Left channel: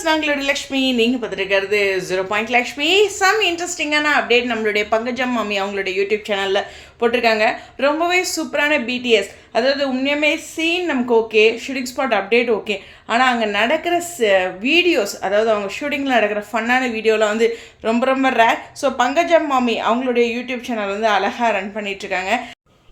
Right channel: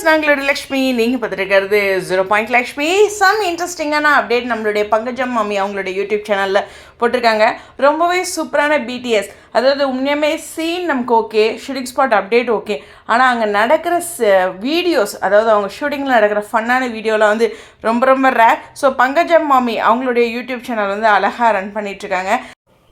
Viewers, நாங்களோட Lakshmi. நீங்கள் பார்த்துருக்கிறது 0 Lakshmi. Some இன்ட்ரெஸ்டிங்கான update நம்மளுடைய பங்கஜம் மாமி அவங்களுடைய யூடியூப் சேனலில் போட்டிருக்காங்க. ரொம்பவே சூப்பரான பிடிஎஸ். அதாவது உண்மையுமே சீன் நமக்கு okay, shooting spot update okay, ஆனால் அங்கே நடக்கிற வீடியோஸ், அதாவது அவங்க ஷூட்டிங்கில் நடக்கிற ஃபன்னான வீடியோலாம் வந்து ரொம்ப ரொம்ப ரேர். ஸோ பங்கஜம் மாமி அவங்களுடைய யூடியூப் சேனல் வந்து அழகாக ரன் பண்ணிகிட்ருக்காங்க.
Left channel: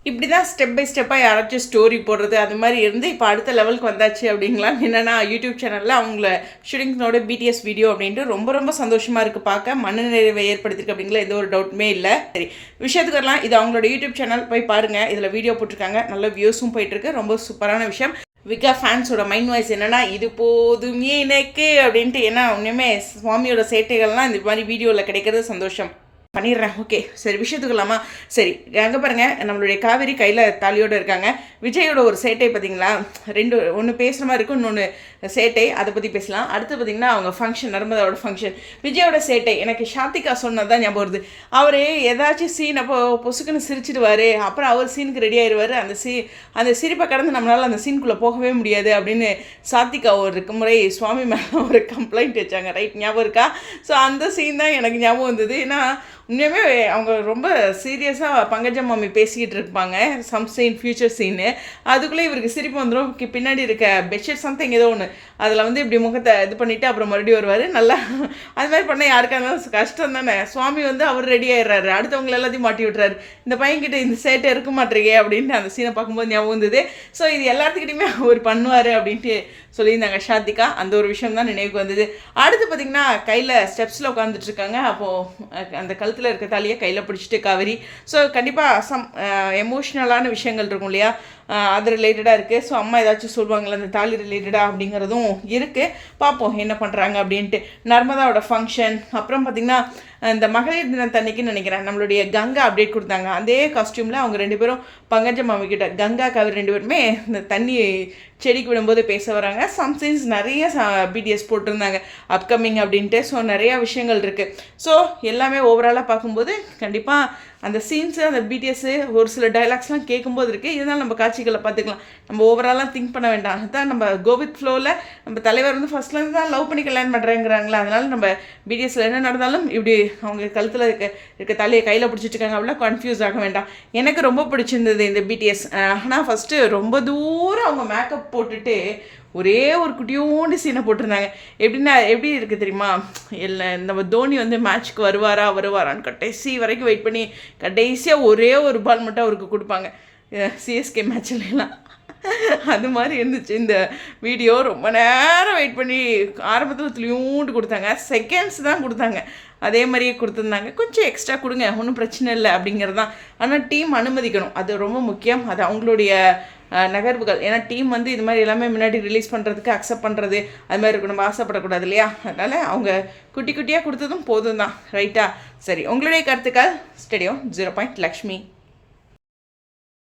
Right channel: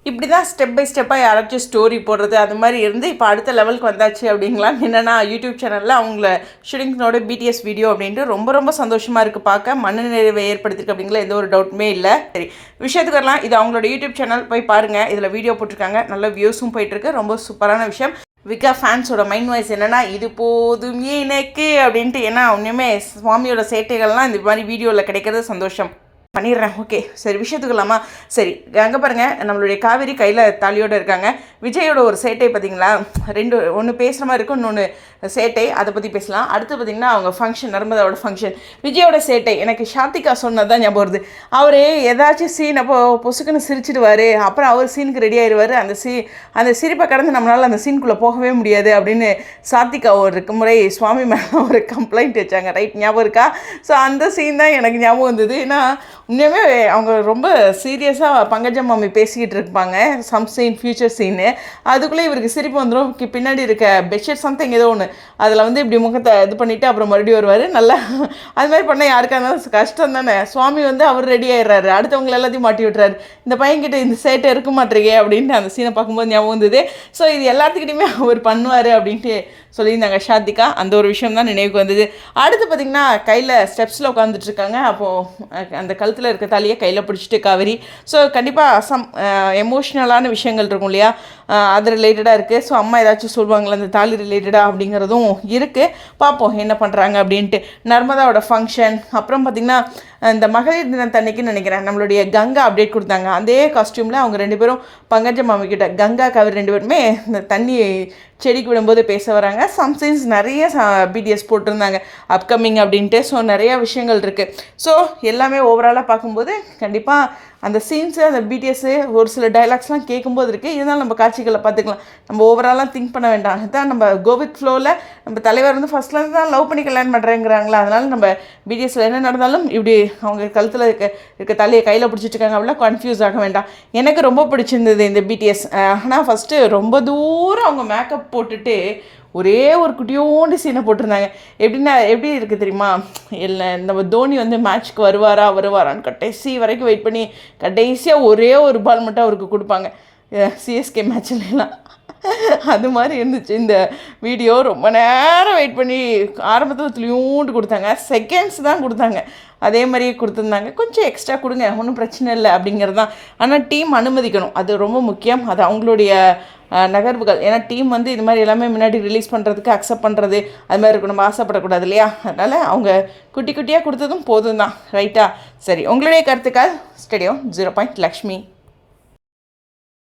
இப்படி தான் ஸ்டெப் பை ஸ்டெப்பாக யாராச்சும் ஸ்டோரி போடுறது அது மாதிரி இருந்து இப்போ அடுத்த லெவலுக்கு வந்தாச்சு அப்படிங்களா. என்னென்னா யூடியூப் சேனலில் அவங்கள ஷூட்டிங்ஸோட பிடிஎஸ் வீடியோ அப்படின்ட்டு ரொம்ப ரொம்ப சந்தோஷமாக இருக்குது. பார்க்க மன நிறைவை ஏற்படுத்திருக்கு அப்படிங்களா, எந்த ஒரு டவுட்டுமே இல்லை. சரி, விஷயத்துக்கு வரலாம். இது அவங்களோட யூடியூப் சேனல் போய் பாருங்கள். இதில் வீடியோ போட்டிருக்காங்க, நல்ல வியூஸும் போயிட்டுருக்கு. ரொம்ப சூப்பரான விஷயம். விகா ஃபேன்ஸோட மைண்ட் வாய்ஸ் என்னென்னா, இது போதுமே எனக்கு அப்படின்ட்டு. ஏன்னா ஒன்றுமே சுவாமியோட சேட்டைகள்லாம் இந்த மாதிரி வீடியோவில் கிடைக்கிறது சந்தோஷம். பண்ணிடுறேன். ஓகே, சரி விஷயத்துக்கலாமா. சரி, அங்கே பாருங்கள், நம்மளுடைய காவேரி கையில் தாலியோடு இருக்காங்க. விஜயோட ஒரு சேட்டை பார்த்தீங்களா, ஒன்று பேசுகிற மாதிரி இருக்கும், இன்னொன்று சேட்டை, அதை பற்றி பேசலாம். அடுத்து பார்த்திங்கன்னா அவங்க ஃபங்க்ஷன், நர்மதாவோட ஃபங்க்ஷன். விஜயோட சேட்டை எனக்கு ஷாத்திகா சொன்னது தான் ஞாபகம் வருது. அவர் ஏதாச்சும் சீன் அப்போ பொசுக்குன்னு சிரிச்சிடுவார், அப்புறம் அவர் சீனுக்கு ரெடி ஆயிடுவார். அந்த சிரிப்பை கடந்து நம்மளால் அந்த சீனுக்குள்ளே போகவே முடியாது அப்படின்னு சாத்திகா ஒரு முறை சுவாமி மேலே ஒரு கம்ப்ளைண்ட் வச்சாங்க. ரைட், ஞாபகம் இருக்கா? ஸோ அந்த சீன் தான் எனக்கு ஞாபகம் வந்தது. ஏன்னா உண்மையுமே அவங்க ரொம்ப சீரியஸாக பங்கஜம் மாமி பேசிக்கிட்டு இருப்பாங்க சம் சீன், ஃபியூச்சர் சீனு. அதுக்குள்ளே இவருக்கு சிரிப்பு வந்துடும். பின்னாடி இருக்க பெட்ஷீட் சம்திங் ஏதோ ஒன்று, அதில் வந்து இப்படி முகத்தை இது பண்ணிவிட்டு அப்புறம் மறுபடியும் வருவார். நல்லா அது மாதிரி பண்ணால் யாருக்காக இருந்தாலும் கஷ்டம் தானே. சுவாமி வந்து அவர் ரெடி ஆகிடுறாரு, அடுத்தவங்களை எல்லாத்தையும் மாட்டி விட்டுறாரு. இந்த பையன்கிட்ட இந்த சேட்டை இருக்க மாட்டேறீங்க அப்படின்ட்டு அந்த சீனை பார்க்கும்போது ஞாபகம் வந்தது. ஸோ இது எல்லாத்துக்கிட்டையுமே அவர் பண்ணுவார் அப்படின்ட்டு சொல்லியிருந்தாங்க ஷாத்திகா. அந்த ஒரு விஷயம் தான் நினைவுக்கு வந்தது. அடுத்து பார்த்திங்கன்னா கையில் ஸ்டெப்ஸில் உட்காந்துட்ருக்காங்க. அப்போது அந்த கழுத்தில் இருக்க தாலியை கையில் பிடிச்சிட்டு காவேரி. ஸோ கண்டிப்பாக எமோஷ்னலான விஷயங்கள் இருக்கும் இல்லையா, அது ரிலேட்டடாக இருக்குது. ஸோ அம்மா ஏதாச்சும் சொல்லுவாங்களே அந்த தாலி ரிலேட்டடாக அப்படிங்கிறதும் இருக்குது. பார்ப்போம் என்ன பண்ணுறாங்க அப்படின்ட்டு. நர்மதாவோட ஃபங்க்ஷன், அப்புறம் பார்த்திங்கன்னா இந்த மகளிர் தினத்தன்னைக்குன்னு நினைக்கிறேன் நம்மளுடைய கங்கா அப்டேட் கொடுத்தாங்க. அதே காஸ்டியூமில் அவங்க ரெண்டு பேரும் பங்கஜம் மாமி கிட்ட, கங்கா காவேரி ரெண்டு பேருமே இந்த தண்ணி செடிக்கு விடும்போது பேச வராங்க. சம்சைன்ஸ் நிறைய பிடிஎஸ் போட்டிருந்தாங்க அப்கமிங் அப்படின்ட்டு. ஸோ நிறையா விஷயங்கள் இருக்குது. ஸோ எல்லாமே ஓவராலாக பார்க்கும்போது கண்டிப்பாக அந்த சீன்ஸு, அந்த பிடிஎஸ்ஸு, ஒரு சில டைலாக்ஸ்லாம் கேட்கும்போது இருக்குது. இருந்தாலும் நம்ம காட்சிகளை பார்த்துக்கலாம், நம்ம ஓவராலாக திங்க் பண்ண வேண்டாம். அதுதான் நம்ம கோவித் ஃப்ளோவில் நம்ம தலைவர் வந்து ஃபஸ்ட்லேருந்து தான் லவ் பண்ணி கல்யாணம் பண்ணுறேங்கிறாங்களா, அதனால் நம்ம பிடிஎஸ்ஸில் என்ன நடந்தாலும் இப்படி அவங்க கழுத்தில் இருக்க தலையை கையில் பிடிச்சிட்டு இருக்காங்க அப்படிலாம் கன்ஃபியூஸ் ஆக வேண்டாம். எனக்கு ரொம்ப பிடிச்சிருந்தது இந்த பிடிஎஸ். ஆனால் ஃபஸ்ட்டு ரொம்ப தூரம் அவங்க மேக்கப் போட்டுட்டு ஒரே ஒரு குட்டியோண்டு சீனை போட்டிருந்தாங்க. எப்படி இருக்குது தெரியுமா, இல்லை நம்ம தோனி வந்து மேட்ச்க்கு வருவாரான்னு கடைசி வரைக்கும் வெயிட் பண்ணி கடைசியாக ஒரே ஒரு பால் மட்டும் அவருக்கு கொடுப்பாங்க சிஎஸ்கே மேட்ச்லாம். அது மாதிரி இருந்துச்சு இந்த வீடியோ. ரொம்ப நேரம் வெயிட் பண்ணி ஆரம்பத்தில் துளியூண்டு கொடுத்தாங்க, செகண்ட்ஸ் தான் கொடுத்தாங்க. அதே மாதிரி கொடுத்துருந்தாங்க. கொஞ்சம் எக்ஸ்ட்ரா கொடுங்க, ஒன்றும் பிரச்சனை இல்லை அப்படிங்கிறது தான். ஆனால் டீம் அனுமதிக்கணும், அது ரொம்ப முக்கியம். அது அவங்களுடைய நகர்வுகள். ஏன்னா டீம் வந்து இது மாதிரி எல்லாமே முன்னாடி ரிலீஸ் பண்ணுறதுக்கு அக்செப்ட் பண்ணுறது அது மாதிரி இருக்கும், நம்ம ஆசைப்படக்கூடாது இல்லையா. அதனால் அவங்க குட்டி குட்டியாக கொடுத்ததும் போதும் தான். ரைட்டா? சரி, உங்களுடைய கருத்துக்கள் ஸ்டேடியம் 0 லக்ஷ்மி.